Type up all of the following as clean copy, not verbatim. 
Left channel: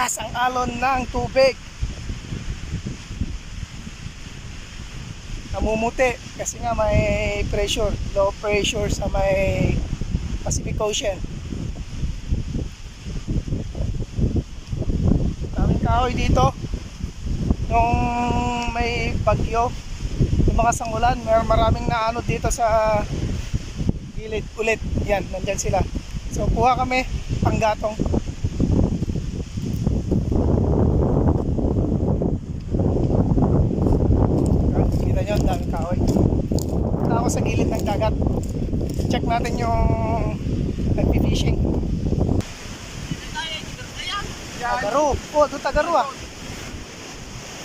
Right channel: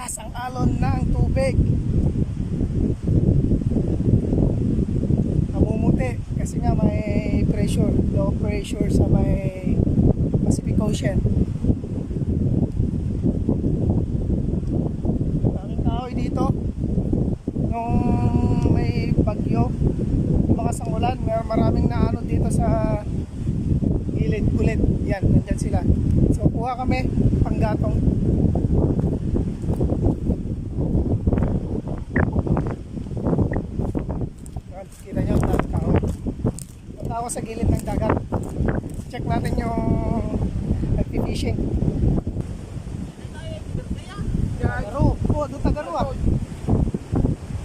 malakas ang alon ng tubig. Namumuti kasi nga may pressure, low pressure sa may Pacific Ocean. Daming kahoy dito. Nung may bagyo, lumakas ang ulan, maraming naanod dito sa gilid ulit. Yan, nandyan sila. So kuha kami panggatong. Kita nyo, daming kahoy. Punta ako sa gilid ng dagat. Check natin yung nagpi-fishing. Tagaro. Oh, doon Tagaro ah.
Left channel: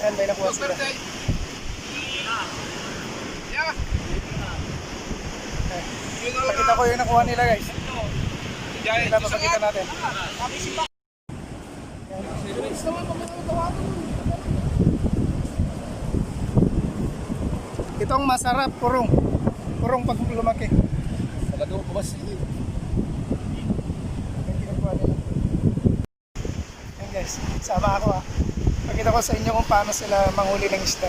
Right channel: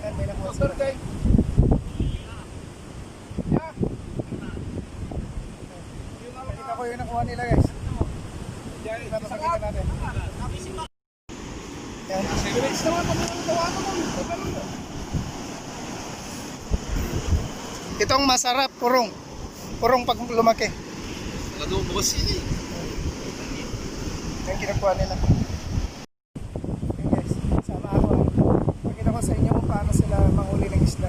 Ayan, may nakuha sila. Okay. Pakita ko yung nakuha nila guys. Ito, papakita natin. Ayan. Itong masarap, purong. Purong pag lumaki. Talagang bukas yun eh. Yung kinukuha nila. Ayan guys, sama ako ha. Pakita ko sa inyo kung paano sila manghuli ng isda.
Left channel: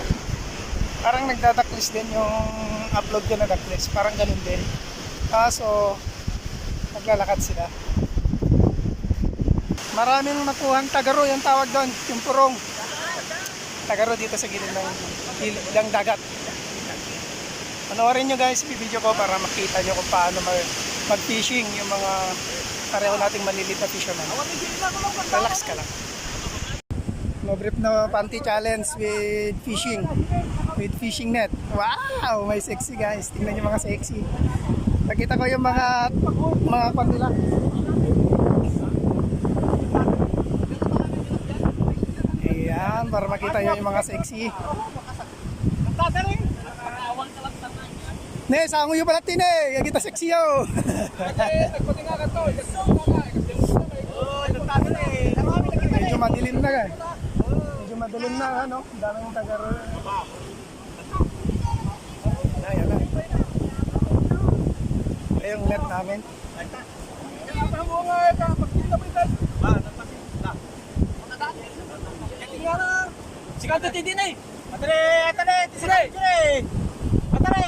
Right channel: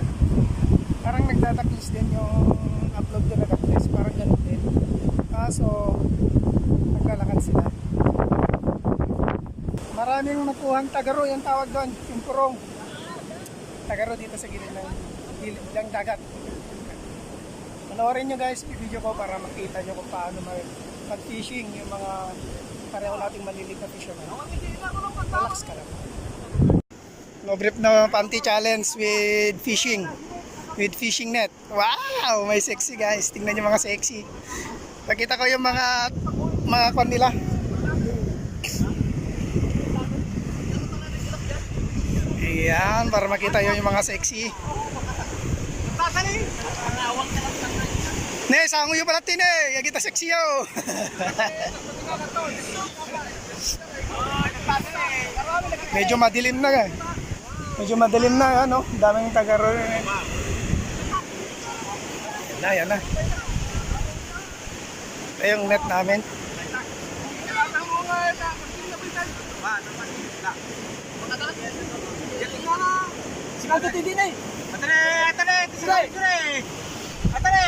Parang nagdadaklis din yung upload ko na daklis. Parang ganun din. Kaso, naglalakad sila. Maraming nakuhang tagaro yung tawag doon. Yung purong. Tagaro dito sa gilid ng dagat. Panoorin nyo guys, video ko para makita nyo kung paano mag-fishing yung mga pareho nating maliliit na fisherman. Relax ka lang. No brief na panty challenge with fishing. With fishing net. Wow! May sexy guys. Tingnan nyo mga sexy. Nakita ko yung mga kwan nila. Ayan, para makita nyo yung mga sexy. Ne, sango yung pala tin eh. Yung kita sexy yo. Medyo madilim na guys. Medyo madilim na ano. Daming tagaro yun eh. Yan na. Ito yung net namin. Sigaw ka din eh. Atare, tisire. Atare.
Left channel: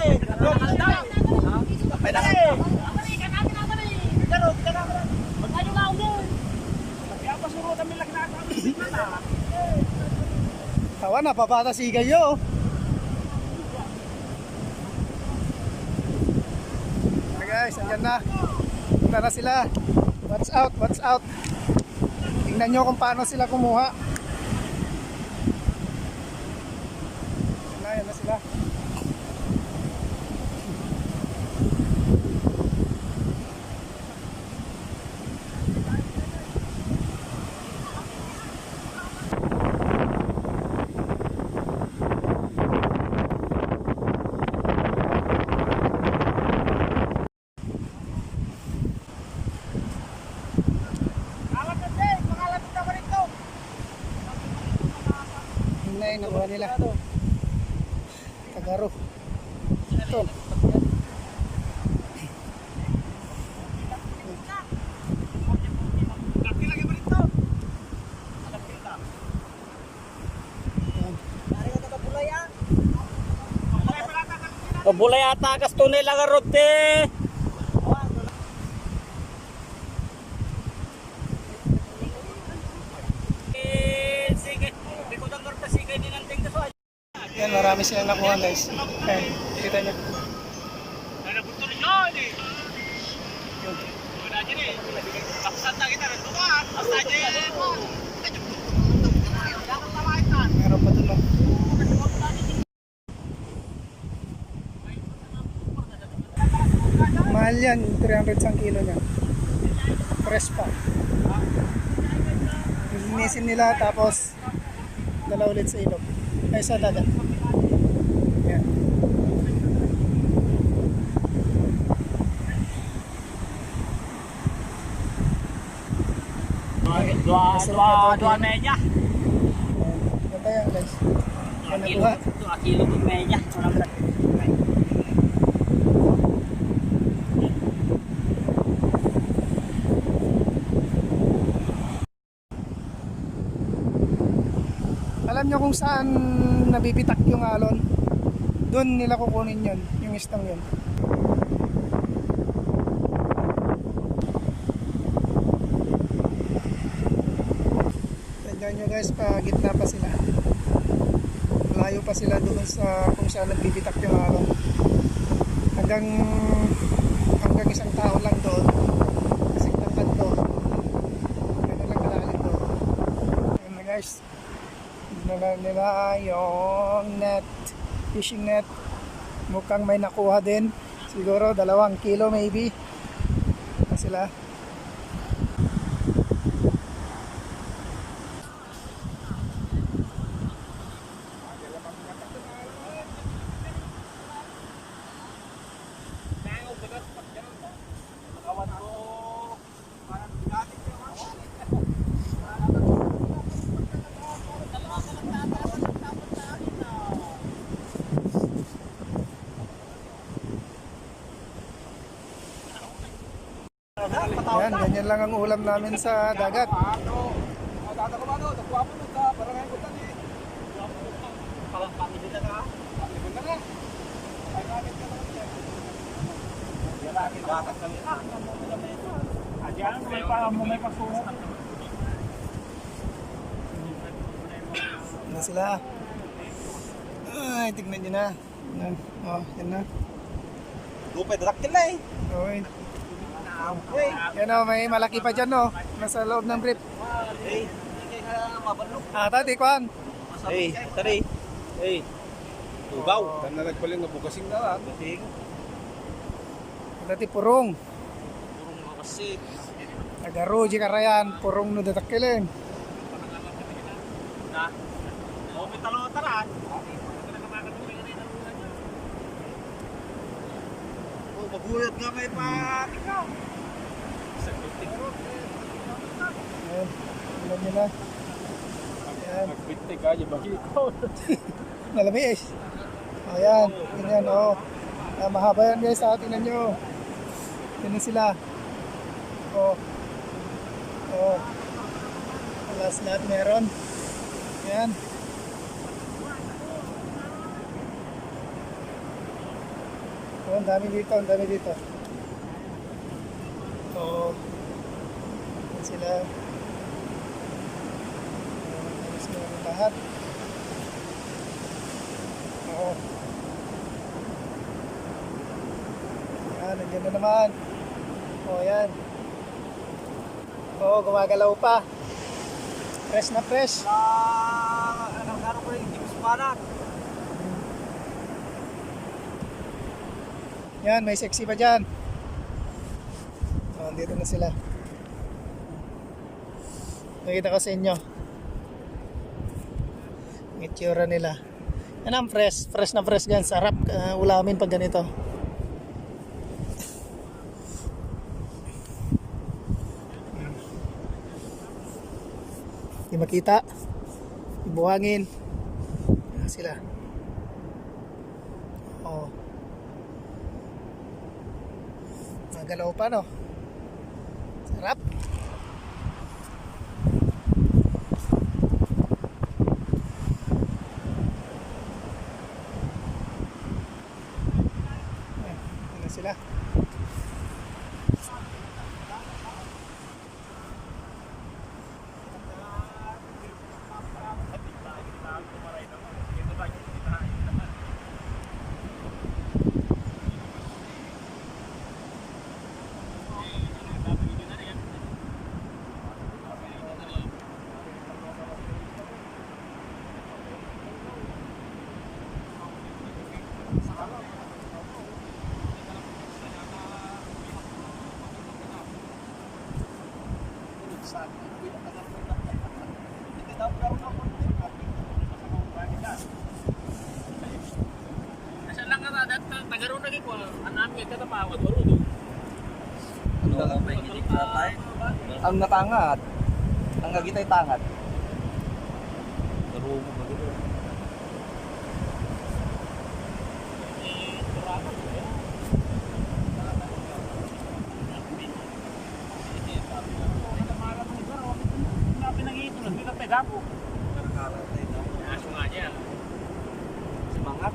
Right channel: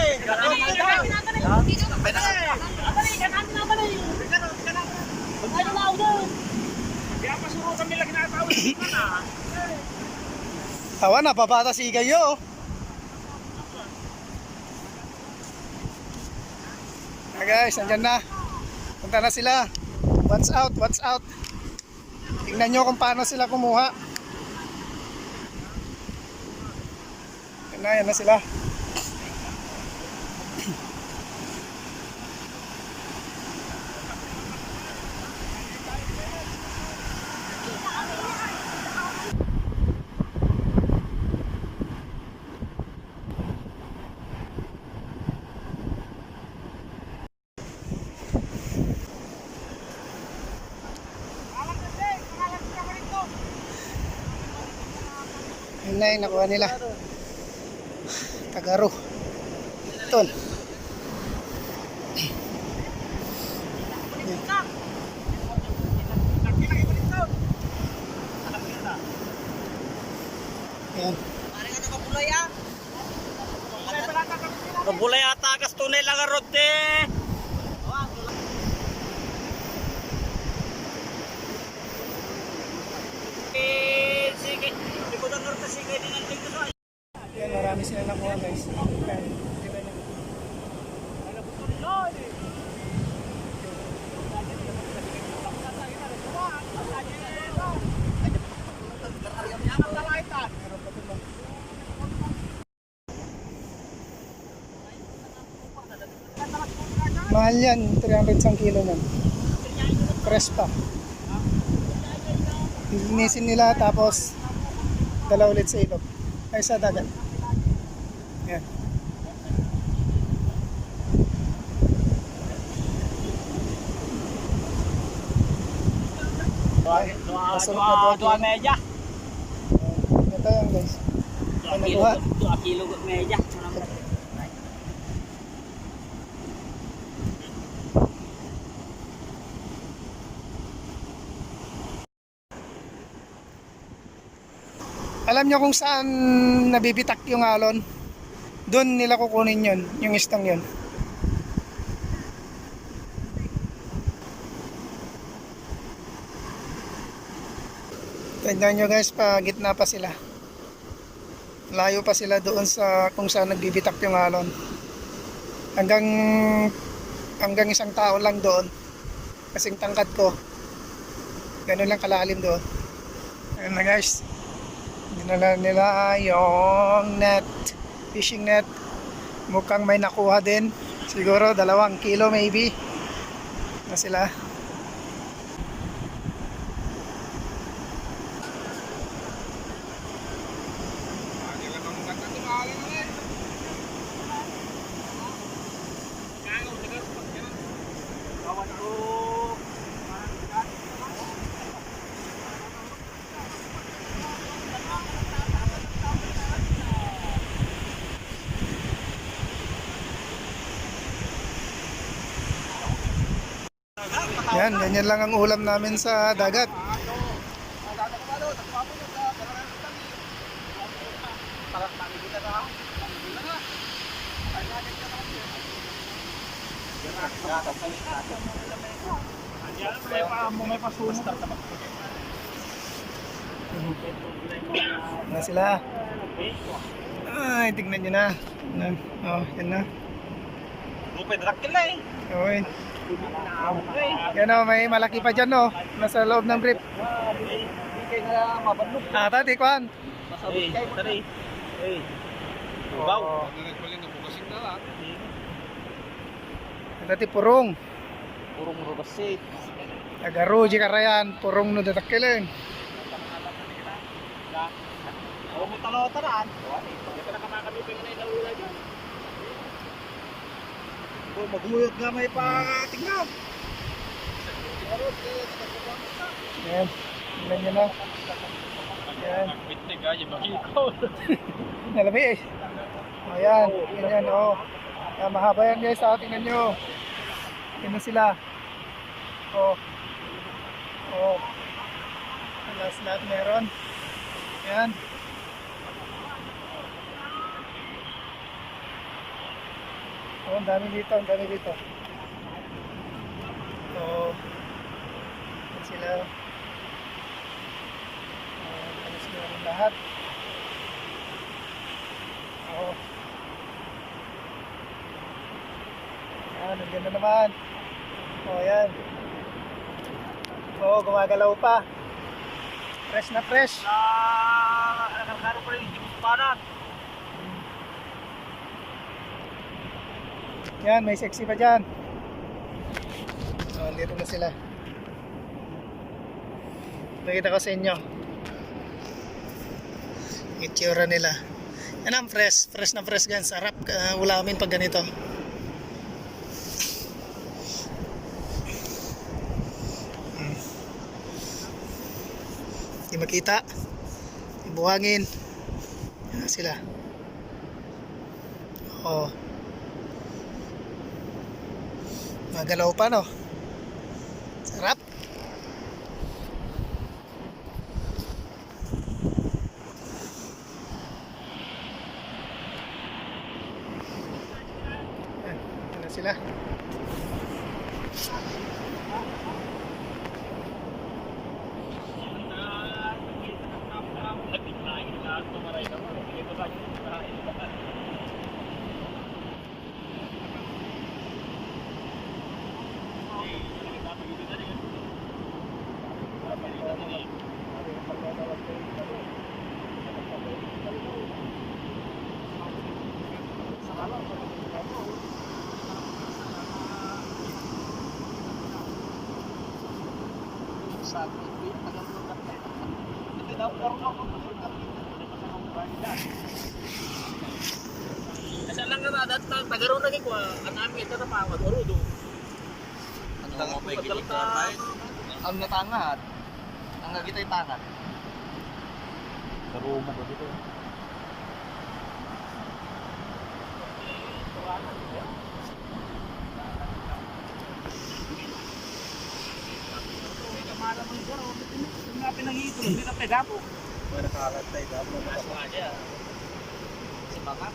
Tawa na, papata si kayo. Guys, andyan na. Punta na sila. Watch out, watch out. Tingnan nyo kung paano sila kumuha. Yan na sila. Yun na yung nakuha nila. Tagaro. Tol. Ayan. Kabulay ata kas tunay lang rote. Yan, marami silang nakuha guys. Ayan, kita nyo. Meron pa dun. Mahal yan, 300 sang kilo yan. Fresh pa. Linisin nila tapos dala ulit sa ilog. Ay sa dagat. Yan. Dua meja. Ito yan guys. Ay nakuha. 2 kilo meja. Alam nyo kung saan nabibitak yung alon? Doon nila kukunin yun, yung istang yun. Tignan nyo guys, pa gitna pa sila. Layo pa sila doon sa kung saan nagbibitak yung alon. Hanggang isang tao lang doon. Kasing tangkad ko. Ganun lang kalalim doon. Ayun na guys. Dinala nila yung net, fishing net. Mukhang may nakuha din. Siguro 2 kilo maybe. Na sila. Kawan ko. Yan, ganyan lang ang ulam namin sa dagat. May pasunod. Na sila. Ay, tignan nyo na. Oh, yan na. Lupay dakil na eh. Okay. Okay. Yan o, may malaki pa dyan o. Nasa loob ng brief. Hey, ikay nga mabanok. Tati, kwan. Hey, tari. Hey. Ubaw. Nalagpaling na bukasing na lang. Tati, purong. Purong robasit. Agaro, di karayan. Purong no datakilin. Oo, may talo-taraan. Ito na makakadupin na yung ulay niyo. Oh, maguyot nga may patingnan. Yan. Tignan nyo na. Yan. Pitik aja bagi ko. Nalami eh. O yan. Ganyan o. Yan, mahaba yan guys. Tingnan nyo. Yan na sila. O. O. Last lahat meron. Yan. O, ang dami dito. Ang dami dito. So, yan sila. Alas meron lahat. Oo. Yan, nandiyan na naman. O, yan. Oo, gumagalaw pa. Fresh na fresh. Nakakaro ko rin yung James Banat. Yan, may sexy pa dyan. So, dito na sila. Nakita ko sa inyo. Itsura nila. Yan ang fresh. Fresh na fresh gan. Sarap ulamin pag ganito. Di makita. Buhangin. Yan sila. Oh. Magalaw pa no. Sarap. Ito na sila. Nasa lang ka na, tagaroon na ko, anami ito na pawag, marudo. Ang natangat. Ang gagitay tangat. Karumo ka dito. Pinangito, hindi na pega po. Mga nakalantay dapat. Aso nga dyan. Semangat.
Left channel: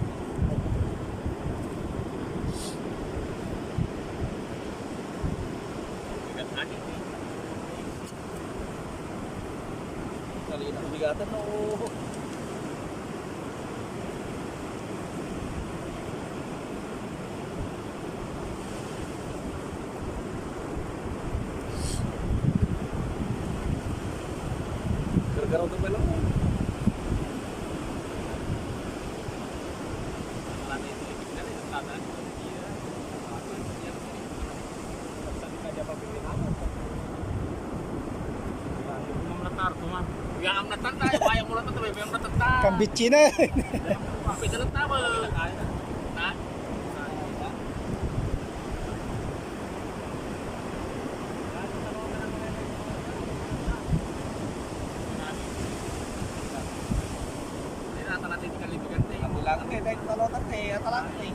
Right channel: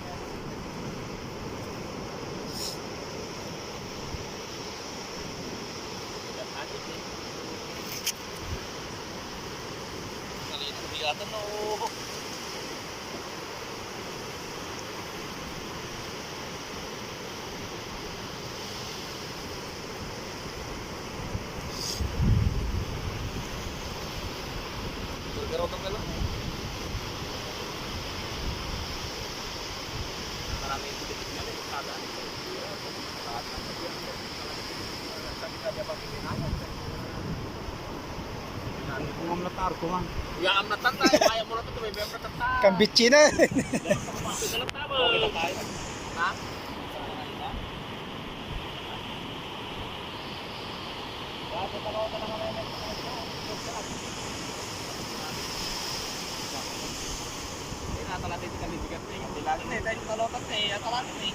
Bigat agit eh. Kanina, bigatan na oh. Gargaraw ka pala. Marami yung titigan eh. Kada. Kumamlatar ko man. Kuya amlatan tayo. Kaya mo lang ito. May amlatan tayo. Kambitsi na. Pisalat tayo. Ha? Hindi na natin kalibigan eh. Kabilangan eh, dahil talotan eh, atalangan eh.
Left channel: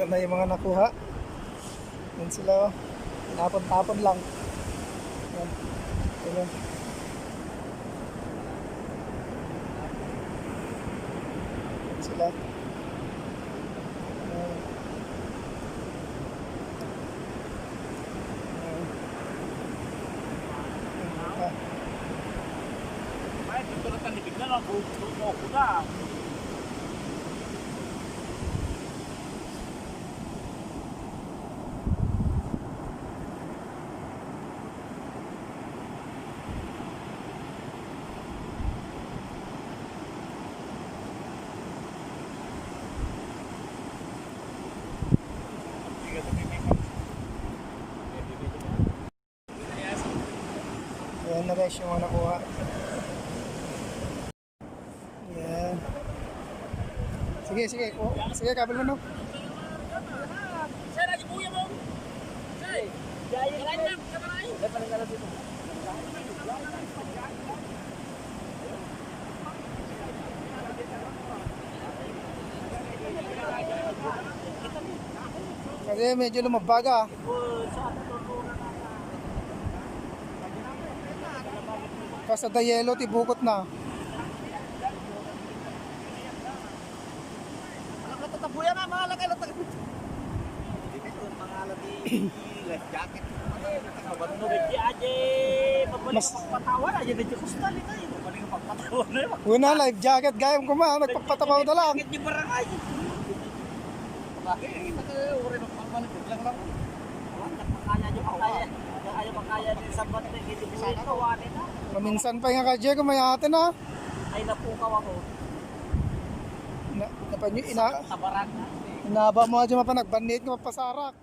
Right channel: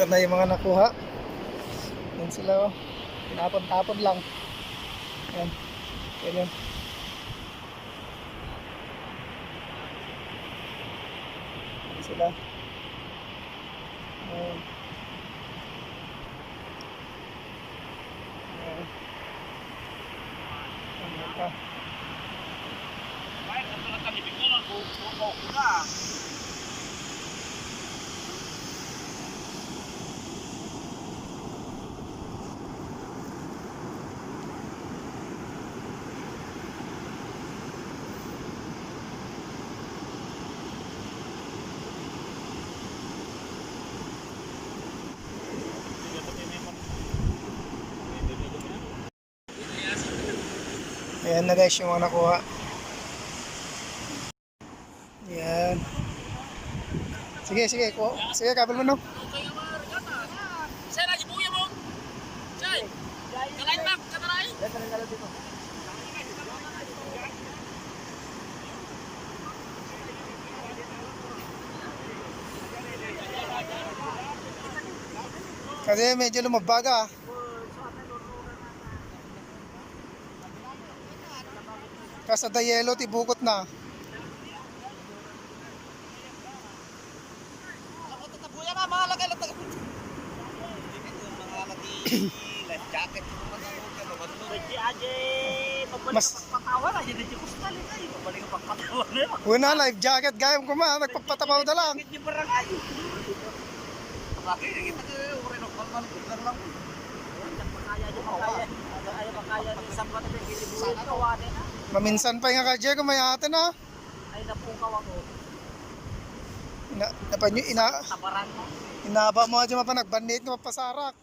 Ito na yung mga nakuha. Yan sila oh. Tinapon-tapon lang. Yan. Yan yun. Yan sila. Ayan. Ayan. Ayan pa. Ay, kung ito kalibig na lang. Buko na. Ayan na guys yung mga nakuha. Yan. Sige, sige. Sige, kabel mo no. Sir, aja buya mo. Sir, kalain mak, katalain. Kasi medyo lumabaga. Kasi sa yelo, tibukot na. Tatabuyan na, mga laki lang. Hindi ko mga laki life jacket. Hindi aja, pabalik Mas- ka pagpatawan aja di kustal ito. Pabalik ka pagpatawan na yun. Una, life jacket. Gayam ko ma, nagpagpatapaw na lang. Bakit di barangay? Bakit? Uri ng palman, lang lang. Wala makaya di makaya. Ayaw makaya di sabat di libuin ka wani na. Maminsan pa nga ka, kung may atin ha. Ay napukaw ako. Napanyo, Tabaran mo. inaba mo aja mapanagbanit nga mapasarak.